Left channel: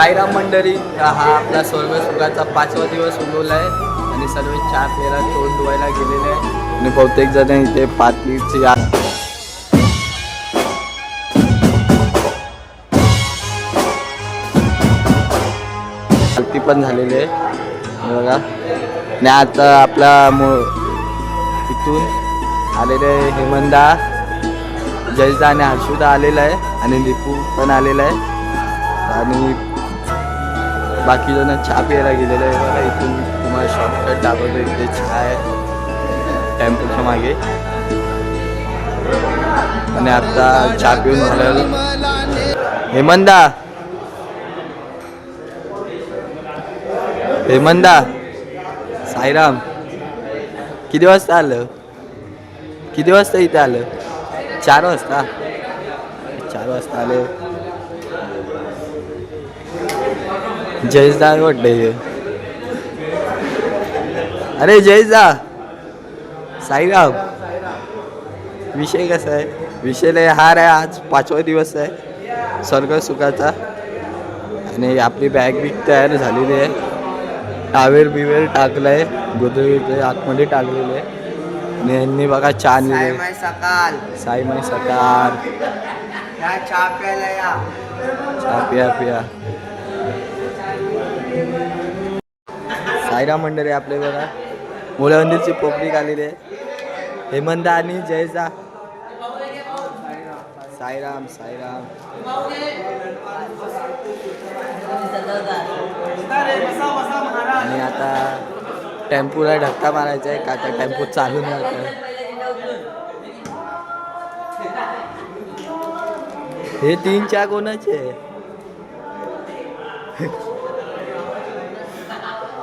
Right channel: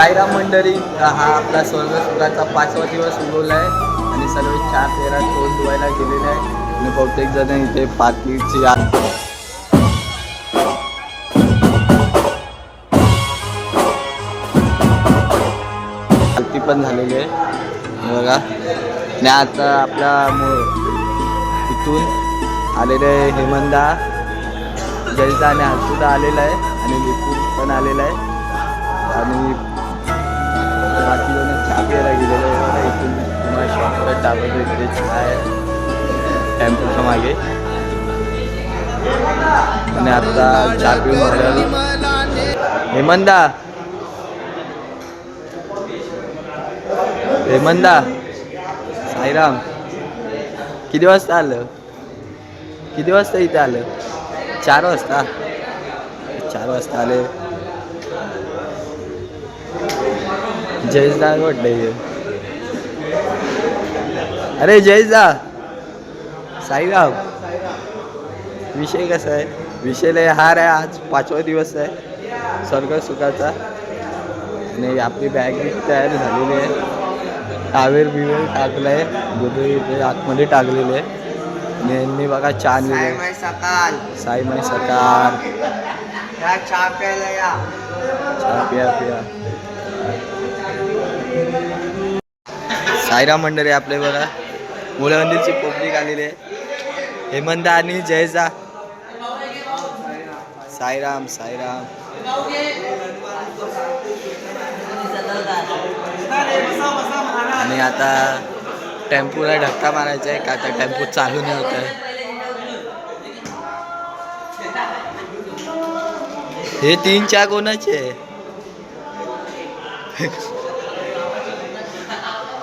साईराम मंडळी हा आपला स्वर्ग सुखाचा पाचवा दिवस उगवला आहे आणि सर्व चार तेरा तोंड धुवायला गेलेले आहे. आणि बहुतेक जण इथे पातळीची आरती पण झालेली आहे. बघा. आणि आता आपला मो इथून आलेले हेमंदा जयचा आणि हर्षुदा आलेला आहे आणि लिपू पण आलेला आहे. आणि बाकी जण चहा प्यायला गेलेले आहे इथून तुम्हाला शॉर्टकट दाखवतो इथे चहा आहे मागे आणि आता चहा पिऊन झाल्यावर हेमंदा हेमंदा साईराम। किती वाजता आलं? किती वाजता इथे आलं? चार वाजता? चार वाजता आले। जयदा वाटलं हे अरे जयदा साईराम. विषय कसा आहे? विषय लय हार आहे आज. पाचवा दिवस आहे. स्वर्ग सुखाचा. आणि आपली बॅग बी तयार झालेली आहे. टावेल बिवेल टाकलाय. गोदरी इथे आतमध्ये टाकलेले आहे. आणि यांनी बघा आणलेली सायमाय सकाळ. साई माई सकाळ. या चहा प्यायला या. चहा पिया पिया. साईराम मंडळी आपले बघा. मुलंदीची पब्लिक आलेली आहे. हेमंत आणि जयजा. साईराम साईराम. आणि आता टेम्पोला धक्का मारायचा आहे का आता टेम्पो चालू नाही होत आहे. हे तीन चार कोणाचे?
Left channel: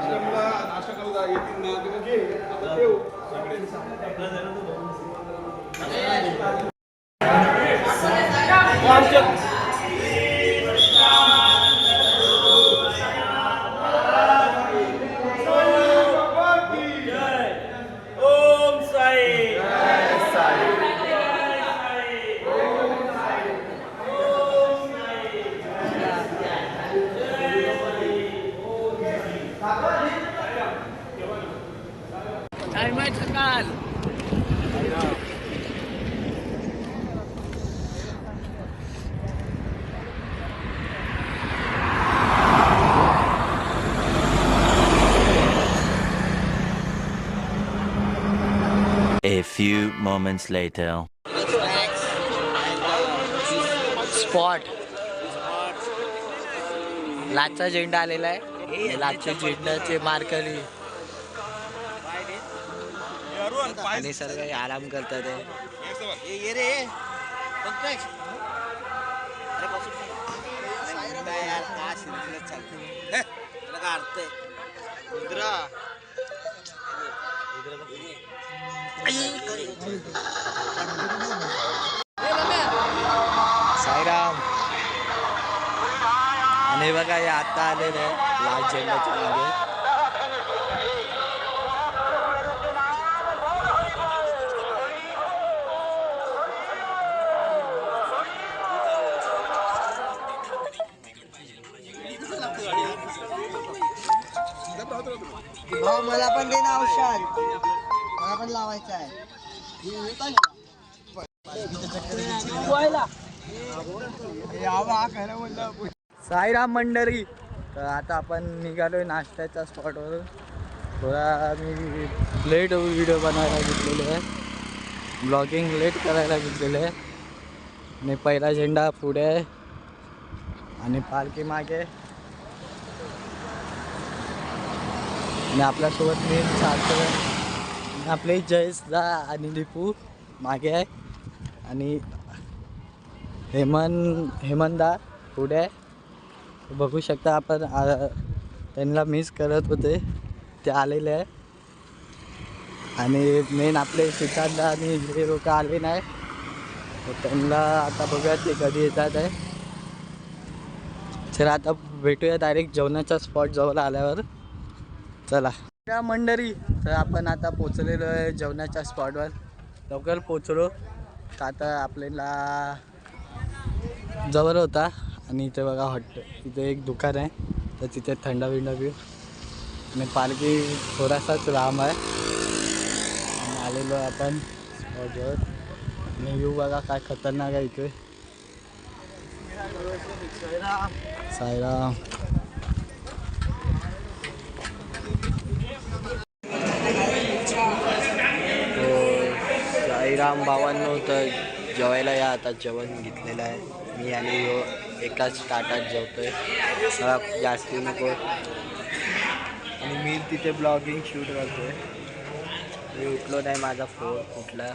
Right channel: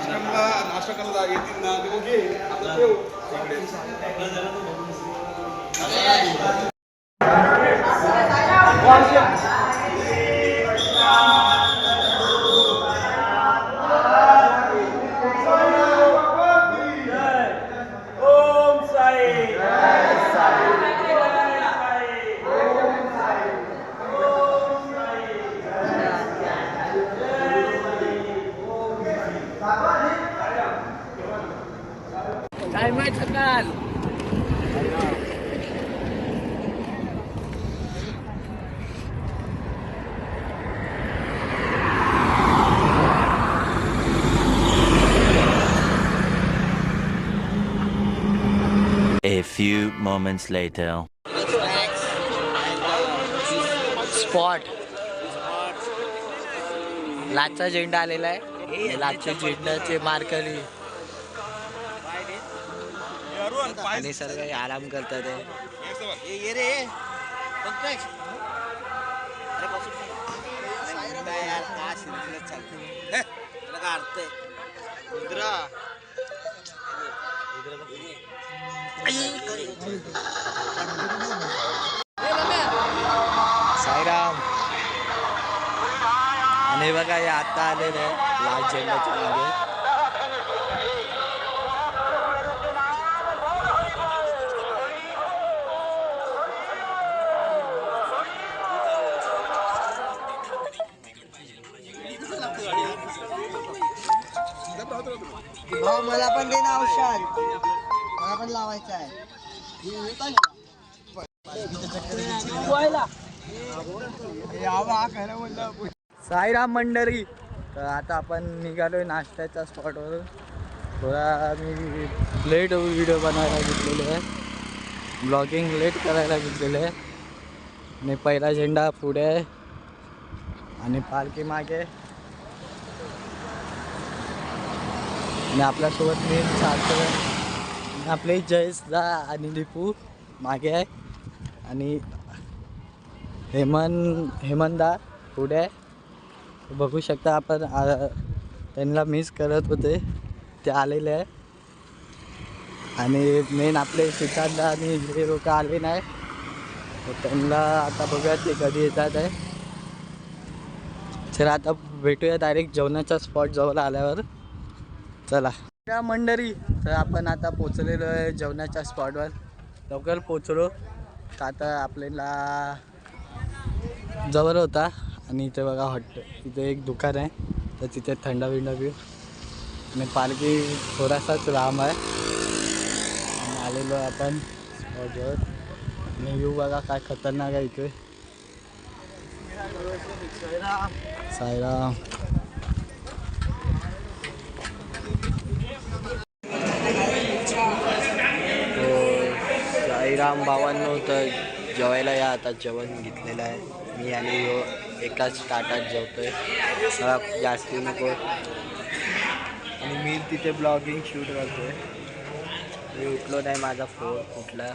बसले A few moments later. Spot लाचचा झेंडा आलेला आहे. लाचच्या झेंड्याचे मार्करी आणि आराम करतात आहे. साईराम. आणि बघा हे आता आलेले आहे लाल झेंड्याच्या मागे. भाऊ मला पण दे ना औषध. हा पण लावायचा आहे. साईराम मंडळी तर आता आपण निघालोय नाश्त्याच्या स्पॉटवरून थोडा मी लेट व्हिडिओ बनवायला घेतलेलो आहे. ब्लॉगिंग लेट करायला घेतलेले आहे. आणि पहिला झेंडा पुढे आहे. आणि पालखी मागे आणि आपल्यासोबत मी चालतो आपले जयसदा आणि लिपू मागे आहे. आणि हेमंत हेमंदा पुढे आहे. बघू शकता आपण त्यांना मिस करत होते. ते आलेले आहे. आणि मेन आपले सिद्धार्थ आणि हे लोक आले नाही. त्यांना आता बघूया ते कधी येतात आहे. तर आता भेटूया डायरेक्ट जेवणाच्या स्पॉट जवळ आल्यावर. चला. त्या मंडळी. तर आपण आता पोचलेलो आहे जेवणाच्या स्पॉटवर लवकर पोचलो तर आता आपल्याला जवळ होता आणि इथे बघा हॉट इथे एक दुकान आहे. तर तिथे थंड बिंड पिऊ आणि पालखी थोडासाच लांब आहे. आणि आलेलो आहे आपण स्पॉटवर आणि व्ह्यू बघा काय खतरनाक आहे इथे. सायराम तो भावांनो तर जेवायला या आता जेवण घेतलेलं आहे. मी आणि यो एकाच ताटात जेवतोय. मला जास्ती नको. आणि मी तिथे ब्लॉगिंग शूट करतोय. मी उठलो नाही माझा फोन कुठला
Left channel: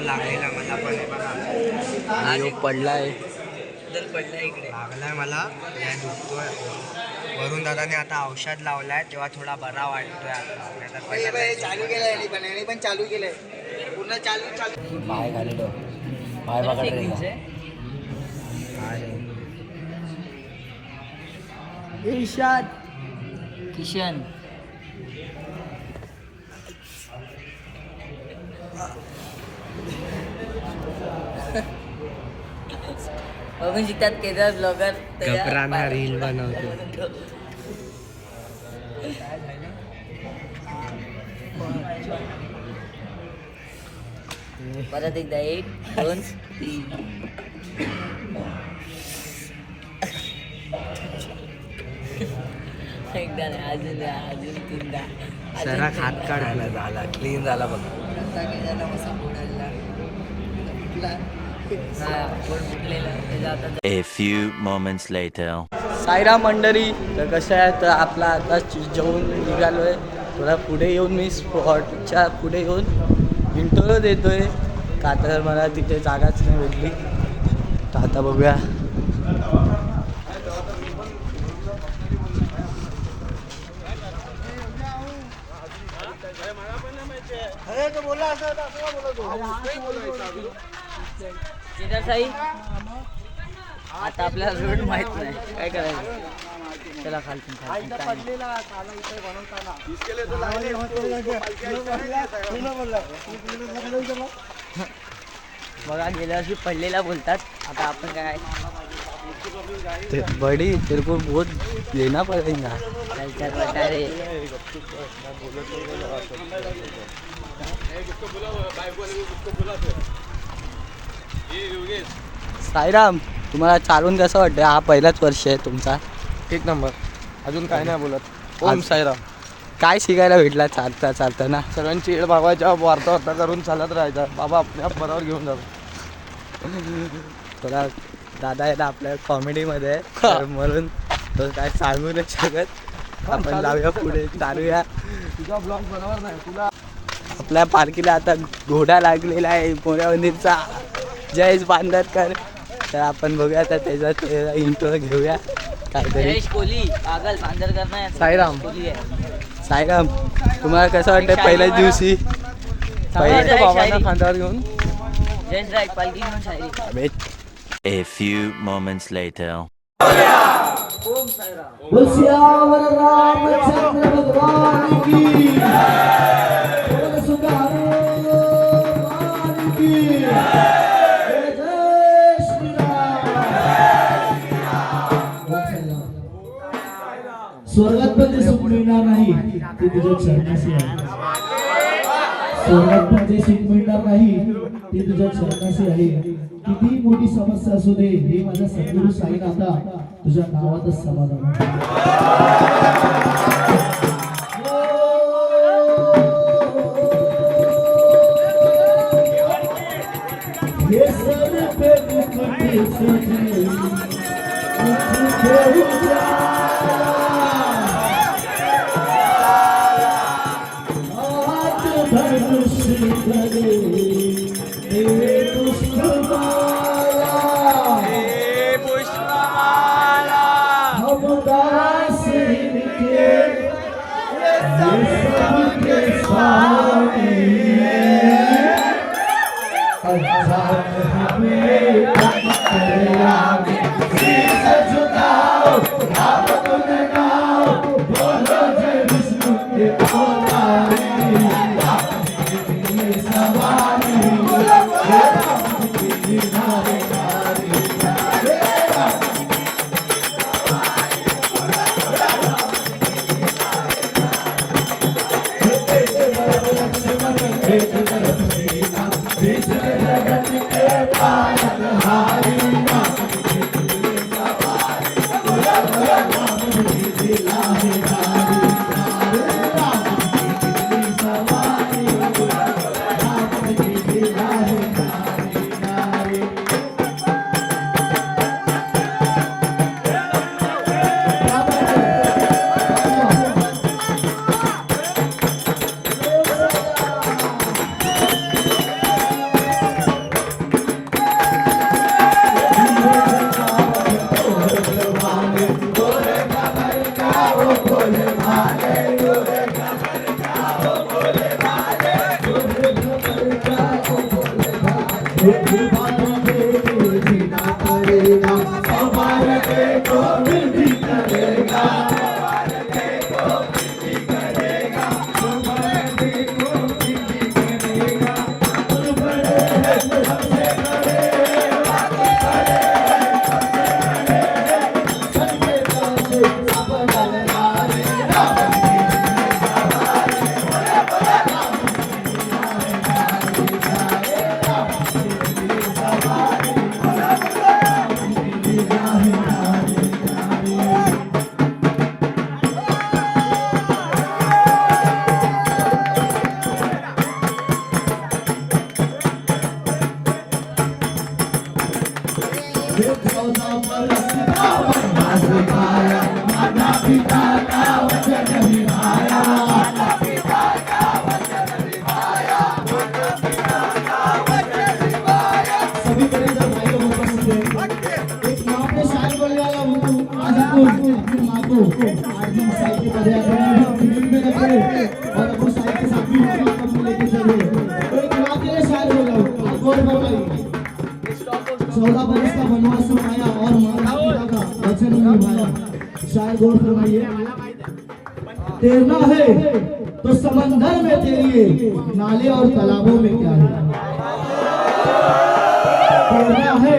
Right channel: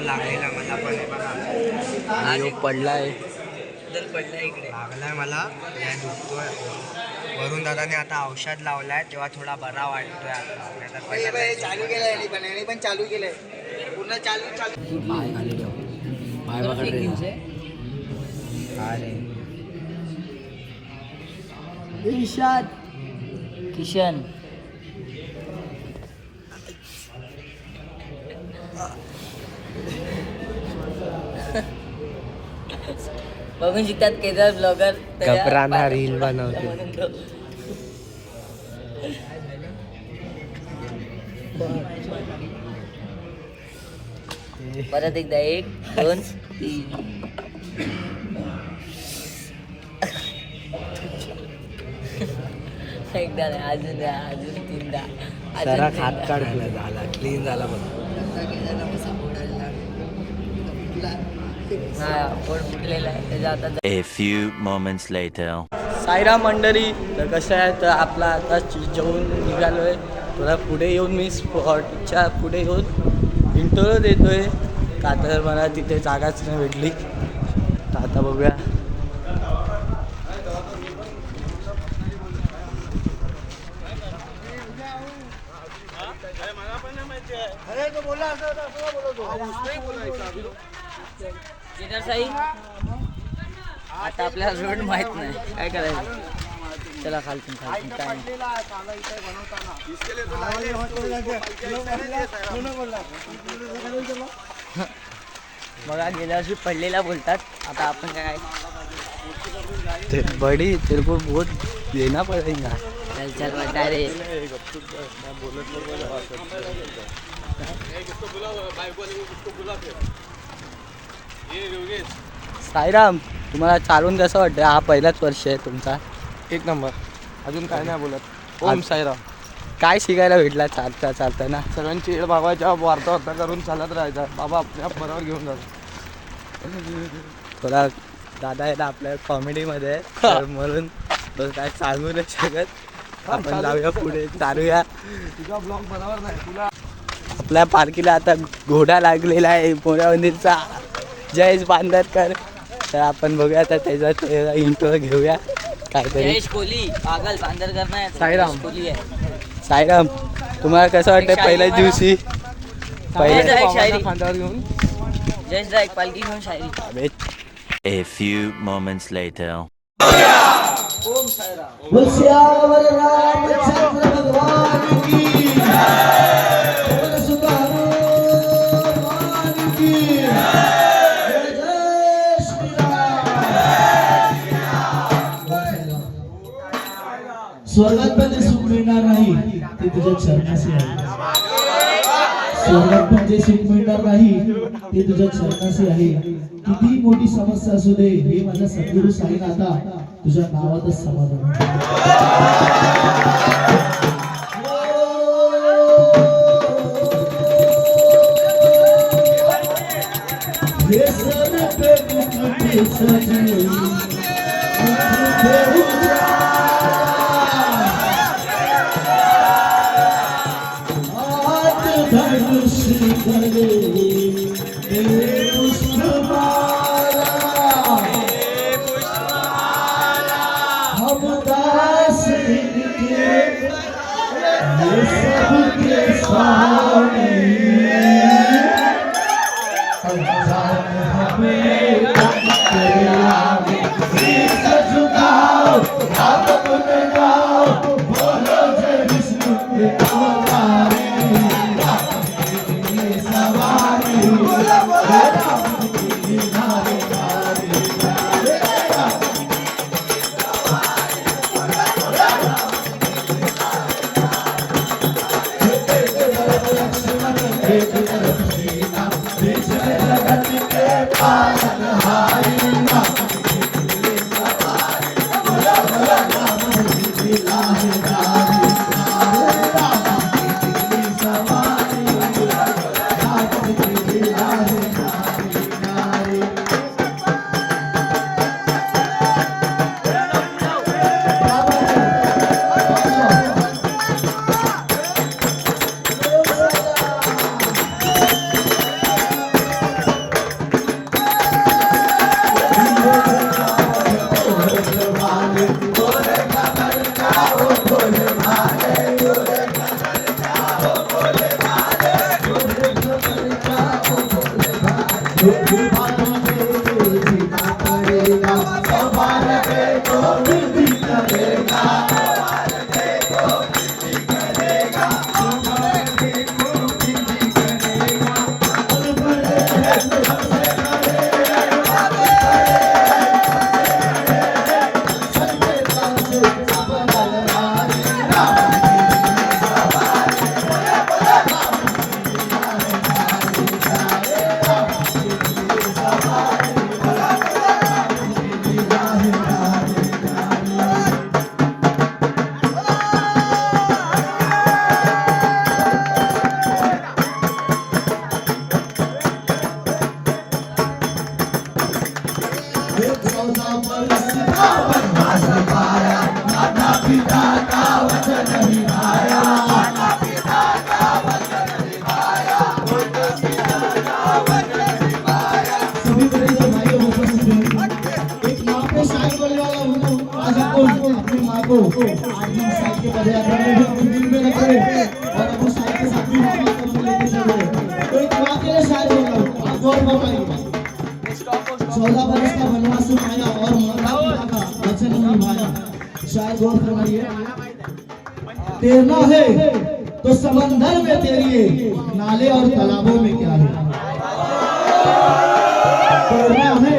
लागलेला मला? पण हे बघा. आणि यो पडलाय. लागलाय मला. या दुखतोय. वरून दादाने आता औषध लावलाय तेव्हा थोडा बरा वाटतोय आता. पहिला चालू केलंय पण याने पण चालू केलंय. पूर्ण चालू चालू. पाय खाली ठेव. पाय बघा किशन. बघून शिकतात केदार ब्लॉगर घबराना रील बनवतो. परत एकदा एक दोन. तीन एकदा नाही, अजून द्या, अजून तीनदा. तीनदा. हात काढ झाला क्लीन झाला बघ हा पोट फुटलेलं आहे त्याचा आता A few moments later. Saira मंडळी तर कसं आहे तर आपला आता जेवून निघालो आहे थोडा पुढे येऊन मी स्पॉटच्या पुढे येऊन इंटरव्ह्यू देतो आहे का तर मला तिथे जागाच नाही भेटली. तर आता बघूया. केदार साई। आता आपल्याला रोड माहीत नाही. काय करायचं? चला खालतून खालतून काय. बघा गेल्या वर्षी पडलेला बोलतात. आता आपण काय बडी तेरे को बहुत देना पड़ेगा. डायरेक्ट साईराम तुम्हाला चालून कसं वाटतं हा पहिलाच वर्ष आहे तुमचा. एक नंबर. अजून काय नाही बोलत. ओम आज- साईराम. काय शिकायला भेटला चालता चालताना? सगळ्यांची येड बाबाच्या वार्ता वार्ता करून चालत राहायचा. बाबा आपल्या बरोबर घेऊन जातो. थोडा दादा आहे ना आपल्या कॉमेडीमध्ये. तर म्हणून तो काय सांगू नाही शकत. आपण जाऊया पुढे चालूया. तुझा ब्लॉग बरोबर नाही तुला आपल्या पार्कीला आता घोडा लागलेला आहे मोऱ्या मंदिरचा जयेश बांदरकर. तर आपण बघूया आता त्याचा इंटरव्ह्यू घेऊया. काहीतरी. जयेश कोहली पागल बांदरकर नाही साईराम. कोहली आहे. साईराम तुम्हाला कसं वाटतं पहिल्याच दिवशी? पहिल्या-. खांद्यावर घेऊन. जयेश एक पालखी घेऊन शायरी. अबे, A few moments later. Siyavar Ramchandra भगवान की स्वर्गात पण जे सुख मिळणार नाही ते तुझ्या चरणाशी आहे स्वर्गात पण जे सुख मिळणार नाही ते तुझ्या चरणाशी आहे किती मोठी समस्या असू दे हे माझा सद्गुरू आता तुझ्या नावातच समाधान आहे. हे सर पे मुकुट सजे, मुकुट उजाला. हाथ धनुष রে चौदह बरस का वनवास आया और माता पिता का वचन निभाया शायद गौर फरमाइए तैरना है तो समंदर में तैरिए नाले और तालाबों में क्या है? तैरना है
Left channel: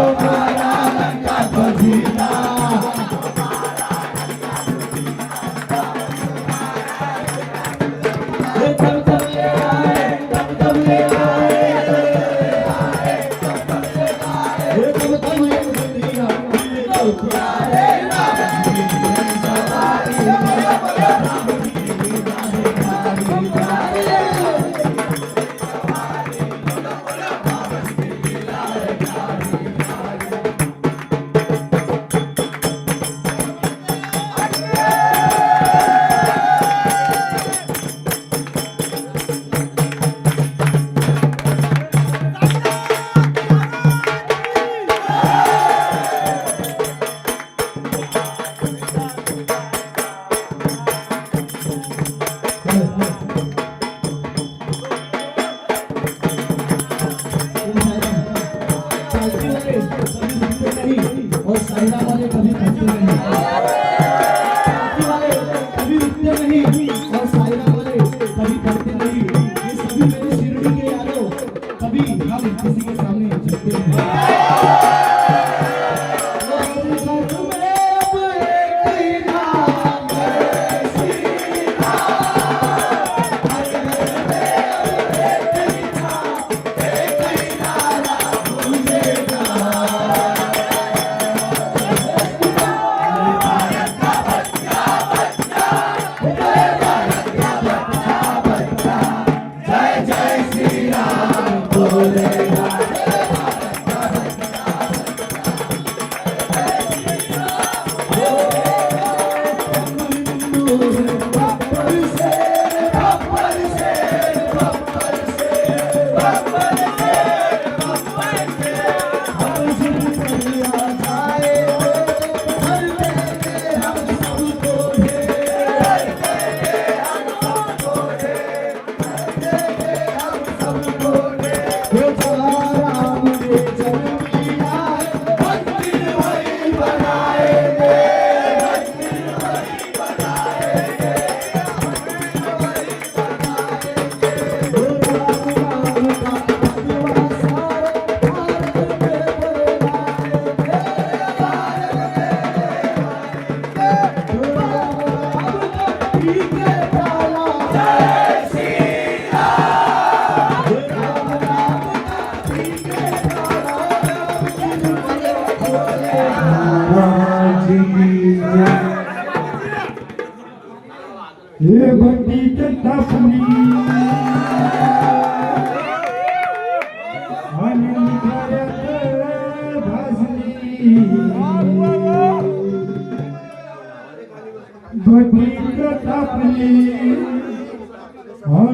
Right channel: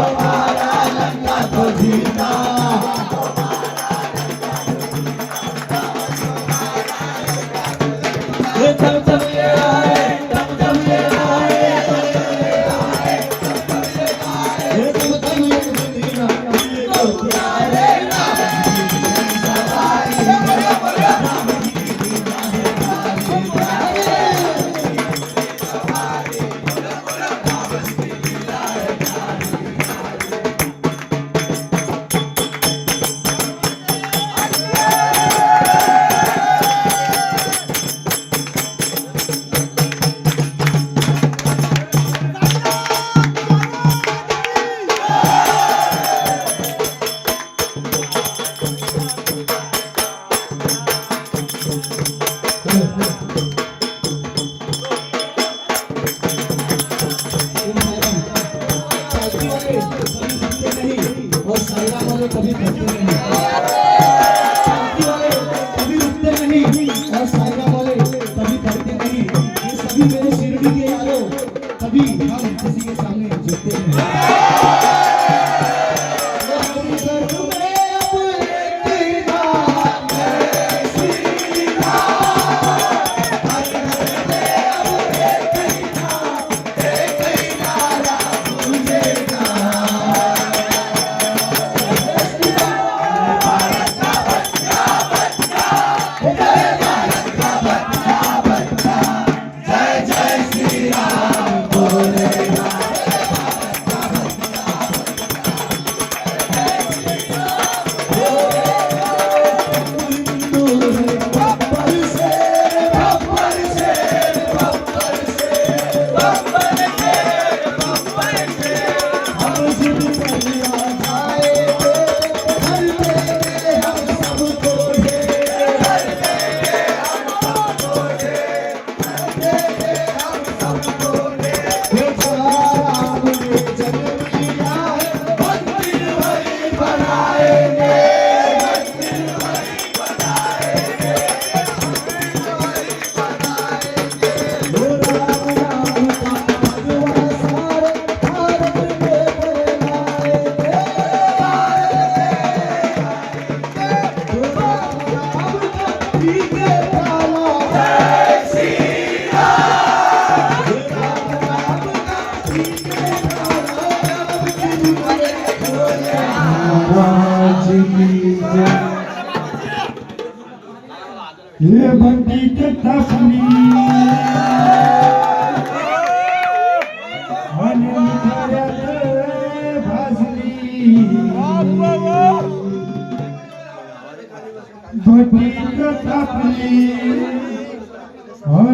Oh,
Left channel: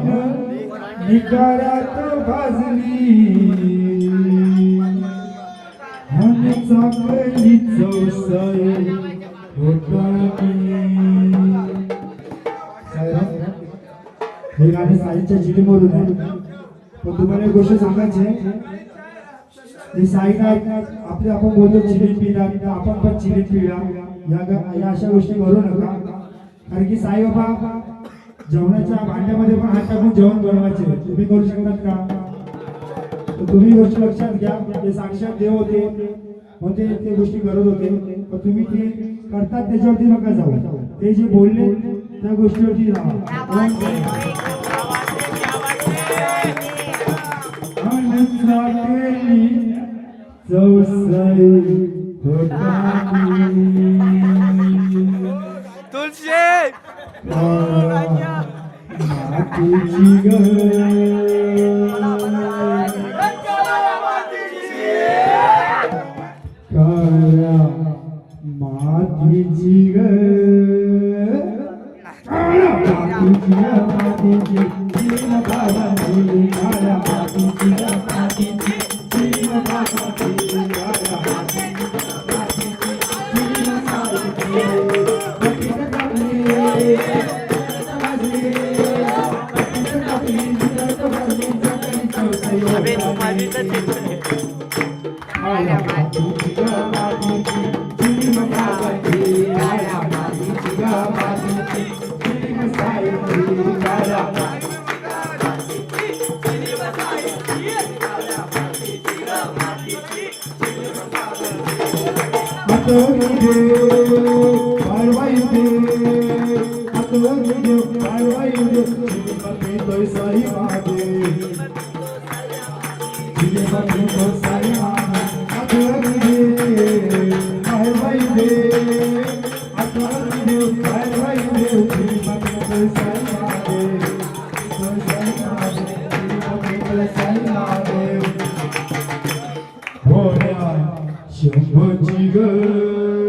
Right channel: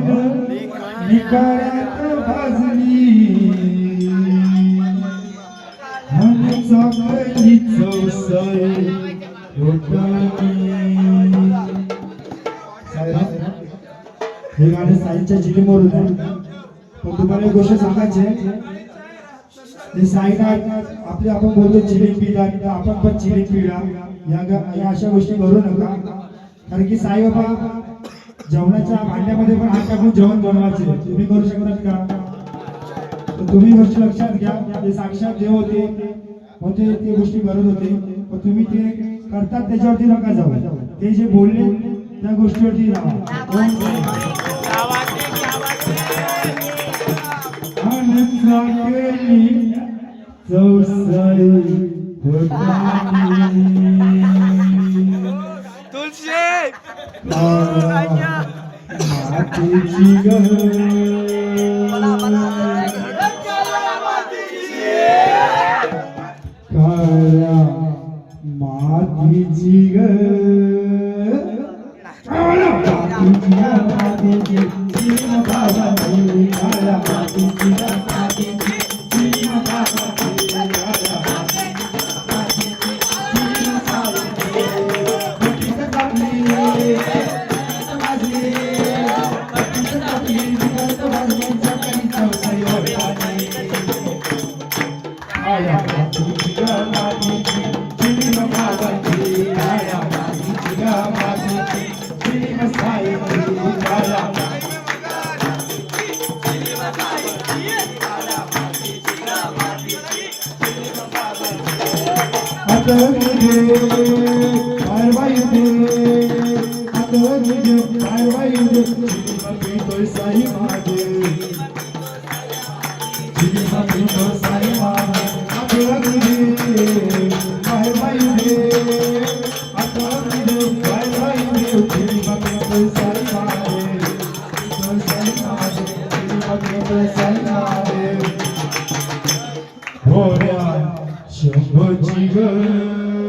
आणि भाजली. आणि चाकली चौसाई हे गाणं साईच्या जिलीमधून आहे. पण तुम्हाला एक गोष्ट सांगायची आहे. हे आपले आपण बोलतो चिली पिढा आपण पण चिली पिढा या अशा गोष्टी करू नका. कारण की साईबाबा जेवणाच्या भांड्यामध्ये पण हात टाकून जेवण बनवायचे. तुम्ही करू शकतात का? तर तुम्ही गोष्टी लक्षात घ्या. ते साक्षात देव होते. होते ते गोष्टी करत होते. पण तुम्ही ते करतात त्याच्यावरती नका जाऊ. ते जे बोलले त्या गोष्टीवरती राहा. 不知道 शंभरची 几个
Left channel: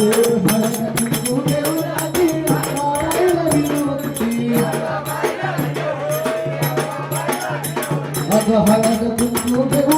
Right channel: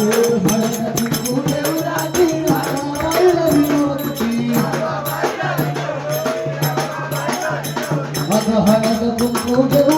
Thank you.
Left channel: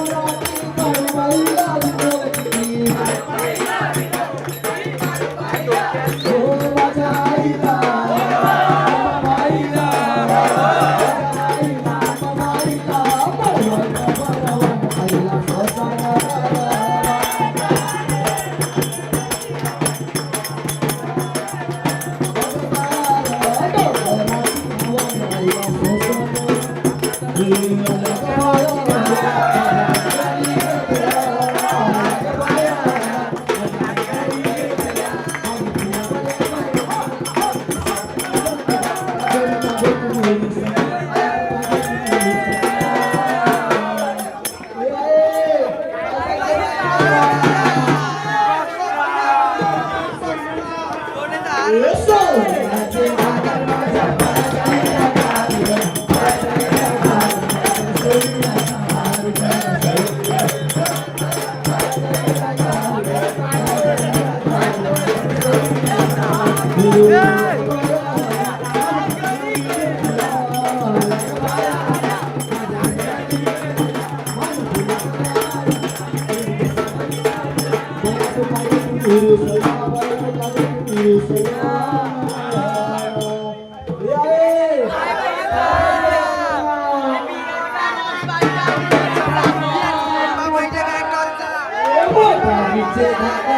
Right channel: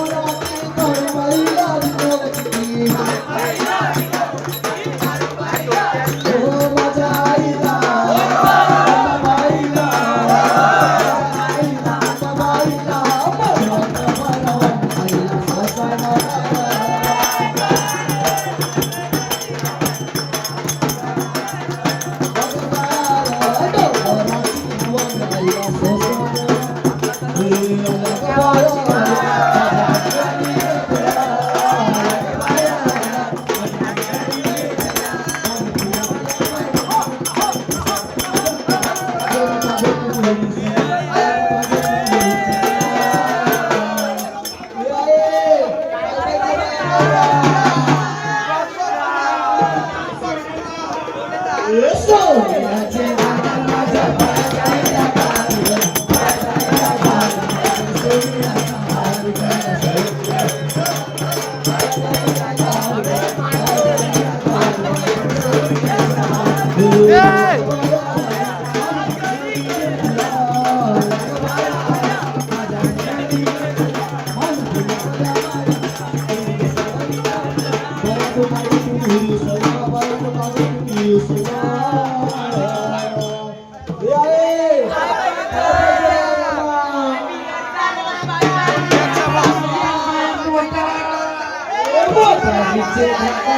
ধাক্কা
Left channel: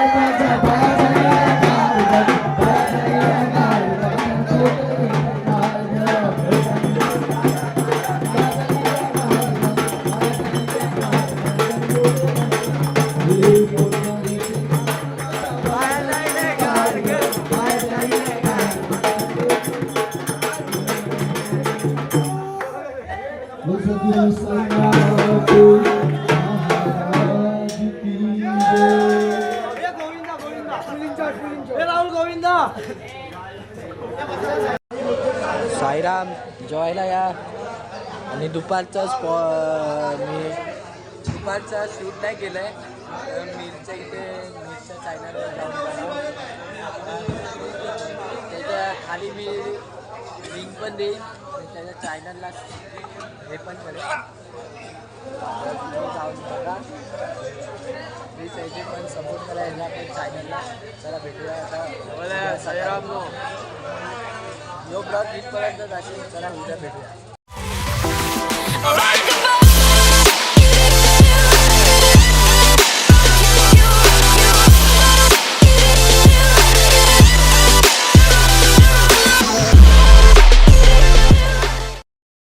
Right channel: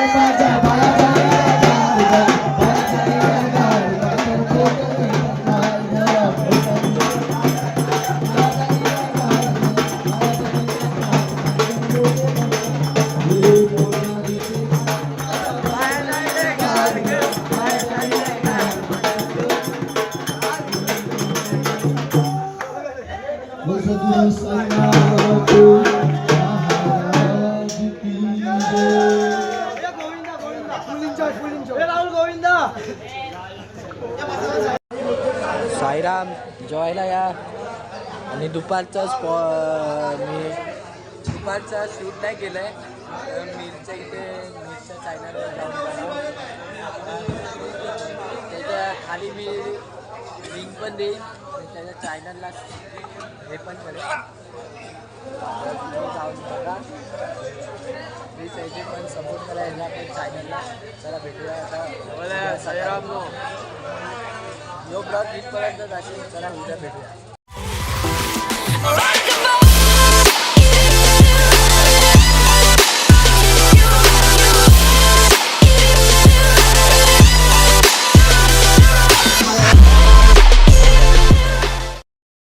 साईराम जेवायला या आणि दुपारचा स्पॉ मी दुपारचा शूट नाही केलं आहे मिरच्या इथे मिरच्या चायनाला जाऊन त्याच्याखाली मी लिंक पण देईन. त्याच्या चायनलला हे पण करेन. जाऊन बघा. मी त्याचे पण सपोर्ट करायला चायनलला पण चला भेटूया आता. साईराम यो ब्लॉग इथपर्यंत चला उद्या भेटूया.